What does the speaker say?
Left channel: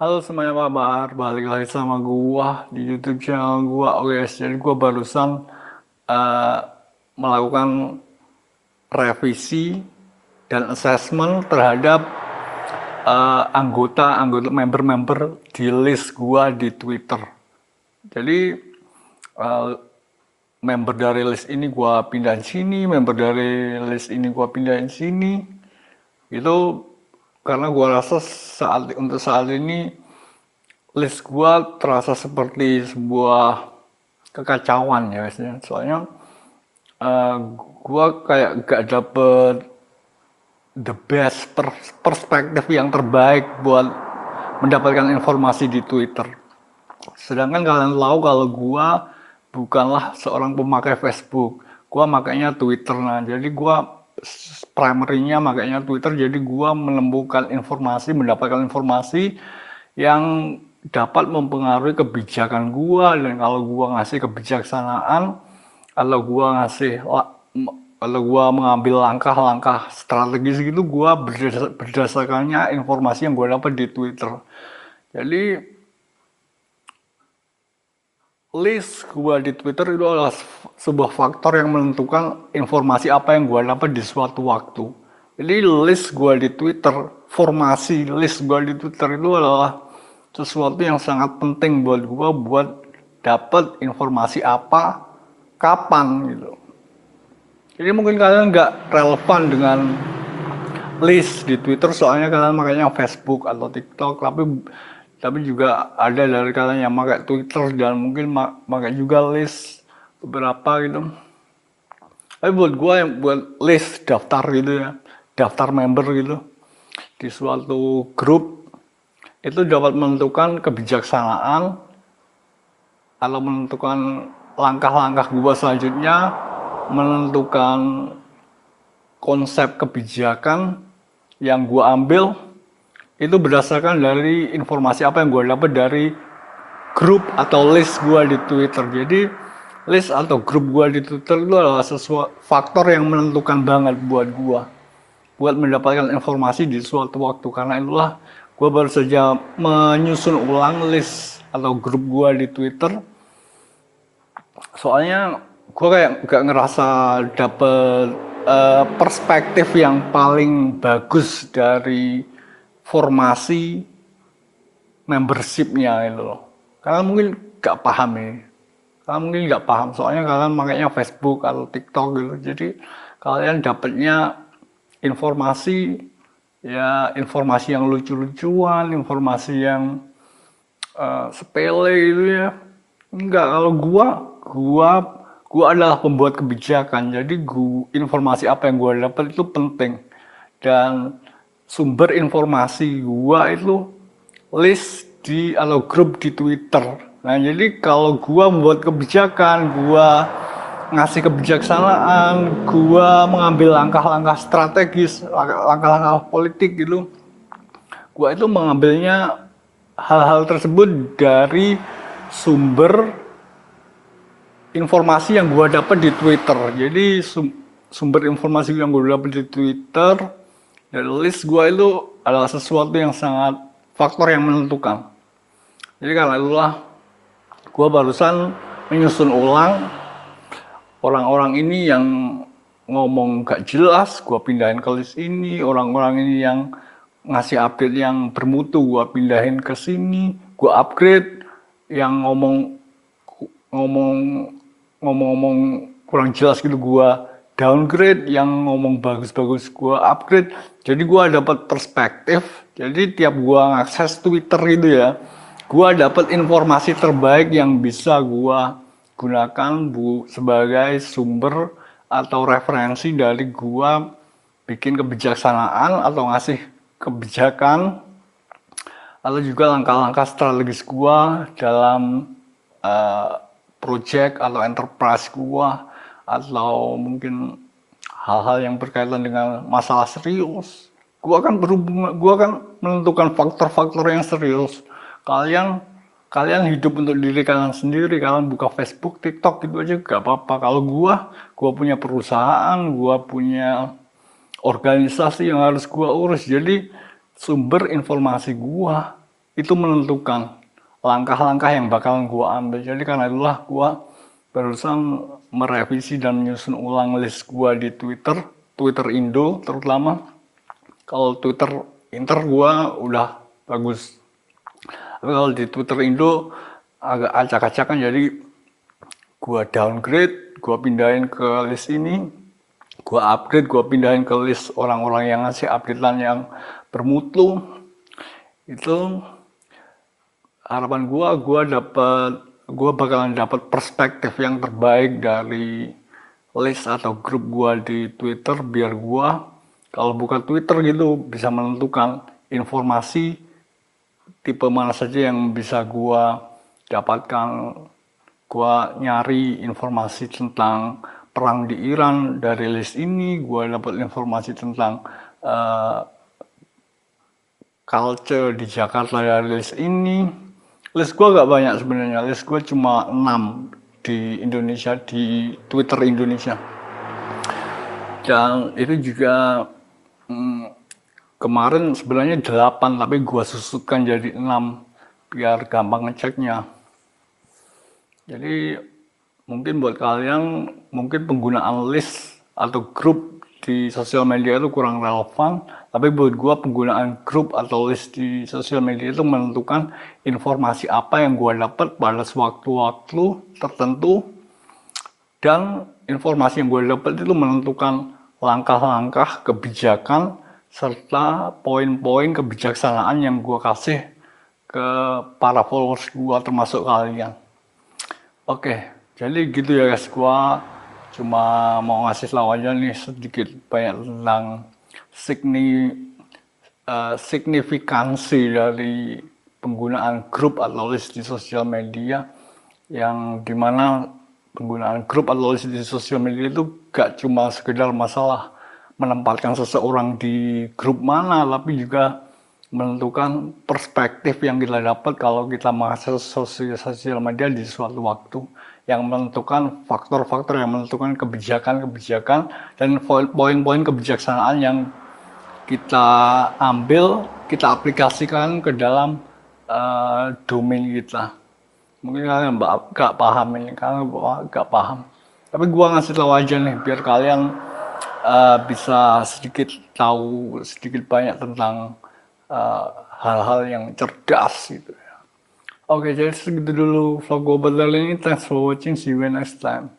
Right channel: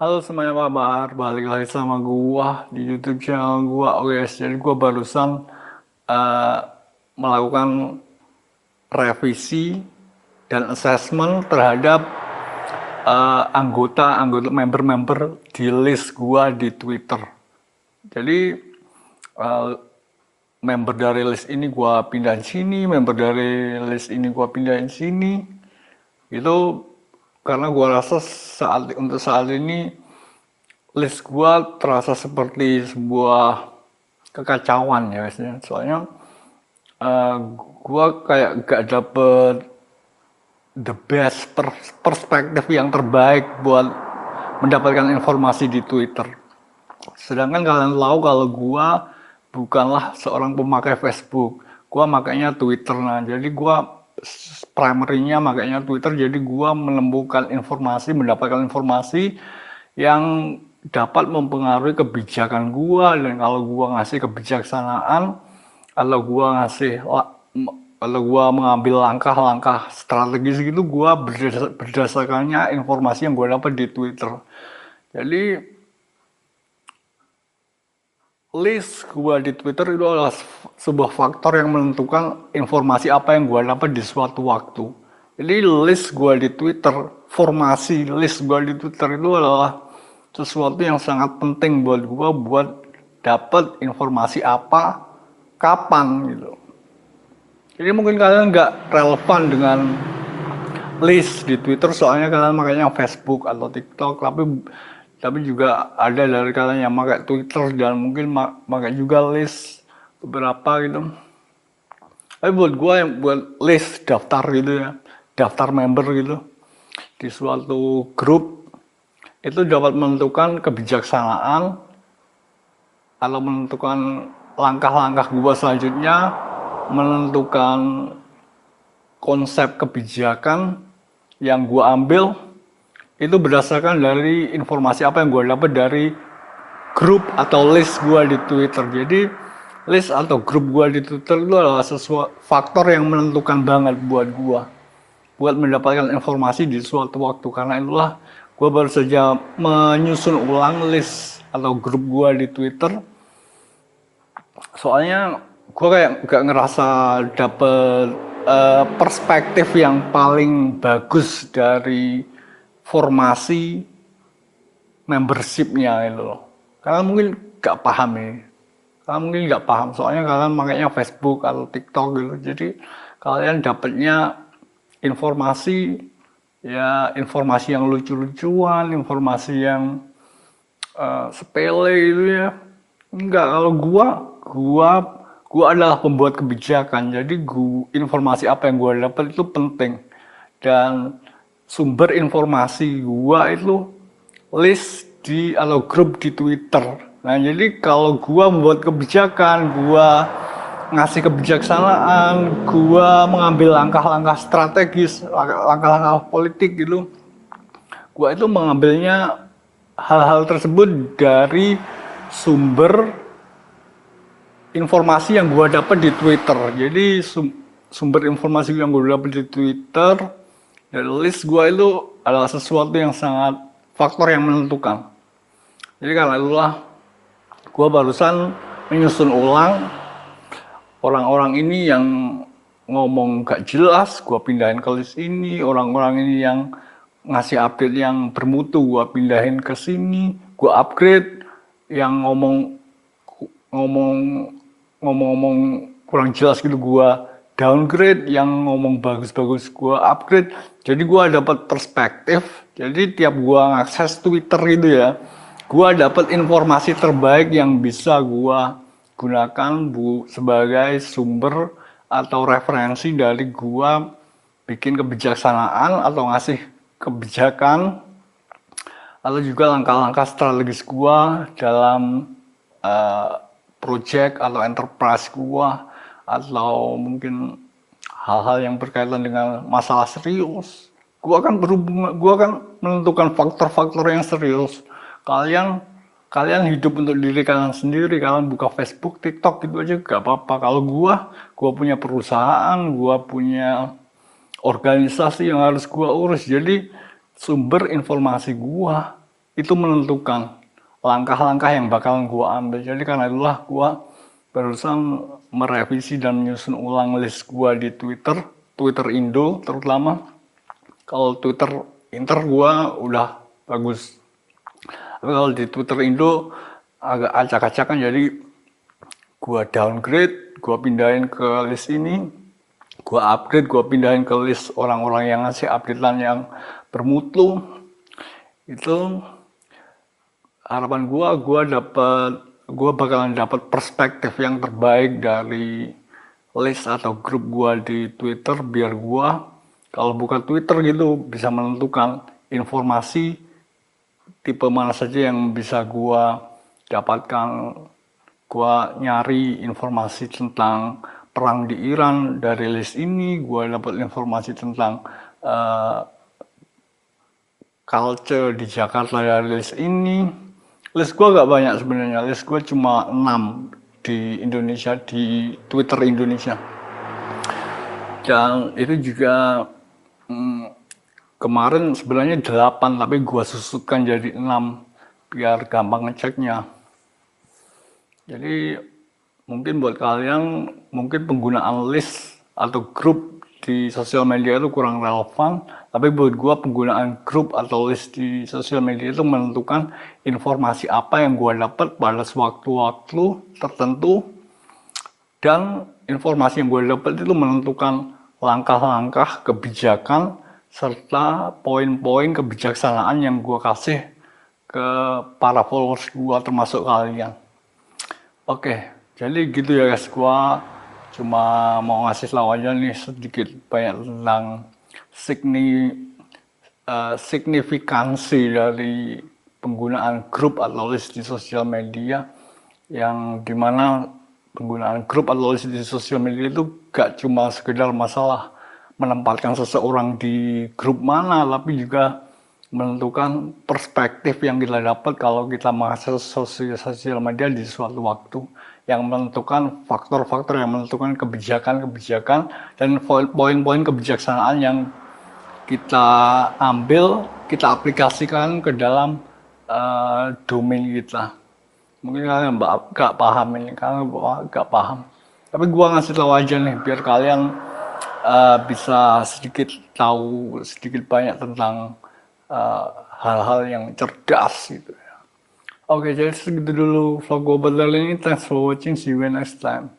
Halo semuanya, apa kabar? Balik lagi sama gua di YouTube channel gua. Oke guys, jadi gua barusan eh, melakukan revisi dan assessment terhadap anggota member-member di list gua di Twitter. Jadi eh, member dari list ini gua pindahin sini, member dari list ini gua pindahin sini. Itu karena gua rasa untuk saat ini list gua terasa seperti sebuah kekacauan ya biasanya. Soalnya eh, gua kayak gak dapet the best perspektif yang terbaik buat mendapatkan informasi di Twitter. Sedangkan kalian tahu kalau gua bukanlah seorang pemakai Facebook. Gua makanya Twitter. Nah, jadi gua primernya makanya Twitter. Jadi gua menemukan informasi, mendapatkan informasi yang dapat mempengaruhi kebijakan gua, dan kalau gua ngasih kebijaksanaan atau gua ngasih kalau gua mengambil langkah-langkah strategis gitu, gua berdasarkannya informasi yang gua dapat di Twitter. Jadi list gua di Twitter itu adalah sebuah faktor yang menentukan informasi apa yang gua dapat di suatu waktu. Jadi list gua di Twitter, formasi list gua di Twitter itu adalah sesuatu yang sangat penting buat gua buat dapat informasi apa, kapan gitu. Jadi mungkin kalian nggak relevan dengan list di Twitter soalnya kalian makanya Facebook atau TikTok, tapi juga ada dari kalian yang pakai Twitter dan mungkin pakai juga list beberapa gitu. Tapi buat gue yang buat list daftar gitu ya, daftar member gitu di suatu grup itu dapat menentukan kebijaksanaan atau menentukan langkah-langkah gue selanjutnya, menentukan konsep kebijakan yang gue ambil itu berdasarkan dari informasi apa yang gue dapat dari grup atau list gue di Twitter. Jadi list atau grup gue di Twitter itu adalah sesuatu faktor yang menentukan banget buat gue buat mendapatkan informasi di suatu waktu. Karena itulah gue baru saja menyusun ulang list atau grup gue di Twitter. Soalnya gue kayak gak ngerasa dapet perspektif yang paling bagus dari formasi membershipnya itu loh. Kalian mungkin gak paham ya. Kalian mungkin gak paham soalnya kalian makanya Facebook atau TikTok gitu. Jadi kalian dapatnya informasi, ya informasi yang lucu-lucuan, informasi yang sepele gitu ya. Enggak, kalau gua gua adalah pembuat kebijakan. Jadi informasi apa yang gua dapat itu penting. Dan sumber informasi gua itu list di atau grup di Twitter. Nah, jadi kalau gua membuat kebijakan, gua ngasih kebijaksanaan, gua mengambil langkah-langkah strategis, langkah-langkah politik gitu, gua itu mengambilnya hal-hal tersebut dari sumber informasi yang gua dapat di Twitter. Jadi sumber informasi yang gua dapat di Twitter dari list gua itu adalah sesuatu yang sangat faktor yang menentukan. Jadi karena itulah gua barusan menyusun ulang orang-orang ini yang ngomong gak jelas, gua pindahin ke list ini. Orang-orang ini yang ngasih update yang bermutu, gua pindahin ke sini. Gua upgrade yang ngomong ngomong kurang jelas gitu, gua downgrade. Yang ngomong bagus-bagus gua upgrade. Jadi gua dapat perspektif. Jadi tiap gua ngakses Twitter gitu ya, gua dapat informasi terbaik yang bisa gua gunakan sebagai sumber atau referensi dari gua bikin kebijaksanaan atau ngasih kebijakan atau juga langkah-langkah strategis gua dalam uh, project atau enterprise gua, atau mungkin hal-hal yang berkaitan dengan masalah serius. Gua akan menentukan faktor-faktor yang serius. Kalian kalian hidup untuk diri kalian sendiri, kalian buka Facebook, TikTok gitu aja gak apa-apa. Kalau gua punya perusahaan, gua punya organisasi yang harus gua urus. Jadi sumber informasi gua itu menentukan langkah-langkah yang bakal gue ambil. Jadi karena itulah gue berusaha merevisi dan menyusun ulang list gue di Twitter, Twitter Indo terutama. Kalau Twitter Inter gue udah bagus. Tapi kalau di Twitter Indo agak acak-acakan, jadi gue downgrade, gue pindahin ke list ini, gue upgrade, gue pindahin ke list orang-orang yang ngasih updatean yang bermutu. Itu harapan gue bakalan dapat perspektif yang terbaik dari list atau grup gue di Twitter, biar gue kalau buka Twitter gitu bisa menentukan informasi tipe mana saja yang bisa gue dapatkan. Gue nyari informasi tentang perang di Iran dari list ini, gue dapat informasi tentang culture di Jakarta dari list ini. List gue gak banyak sebenarnya, list gue cuma 6 di Indonesia, di Twitter Indonesia. Dan itu juga kemarin sebenarnya 8, tapi gue susutkan jadi 6 biar gampang ngeceknya. Jadi mungkin buat kalian, mungkin penggunaan list atau grup di sosial media itu kurang relevan, tapi buat gue penggunaan grup atau list di sosial media itu menentukan informasi apa yang gue dapat pada sewaktu-waktu tertentu, dan informasi yang gue dapat itu menentukan langkah-langkah kebijakan serta poin-poin kebijaksanaan yang gue kasih ke para followers gue termasuk kalian. Oke, jadi gitu ya guys, gua cuma mau ngasih tahu aja nih sedikit banyak tentang signifikansi dari penggunaan grup atau list di sosial media, yang dimana penggunaan grup atau list di sosial media itu gak cuma sekedar masalah menempatkan seseorang di grup mana, tapi juga menentukan perspektif yang kita dapat kalau kita mengakses sosial media di suatu waktu, yang menentukan faktor-faktor yang menentukan kebijakan-kebijakan dan poin-poin kebijaksanaan yang kita ambil, kita aplikasikan ke dalam domain kita. Mungkin kalian gak paham ini, kalian gak paham. Tapi gua ngasih tahu aja nih biar kalian bisa sedikit tahu sedikit banyak tentang hal-hal yang cerdas gitu. Oke, jadi segitu dulu vlog gue ini. Thanks for watching. See you next time.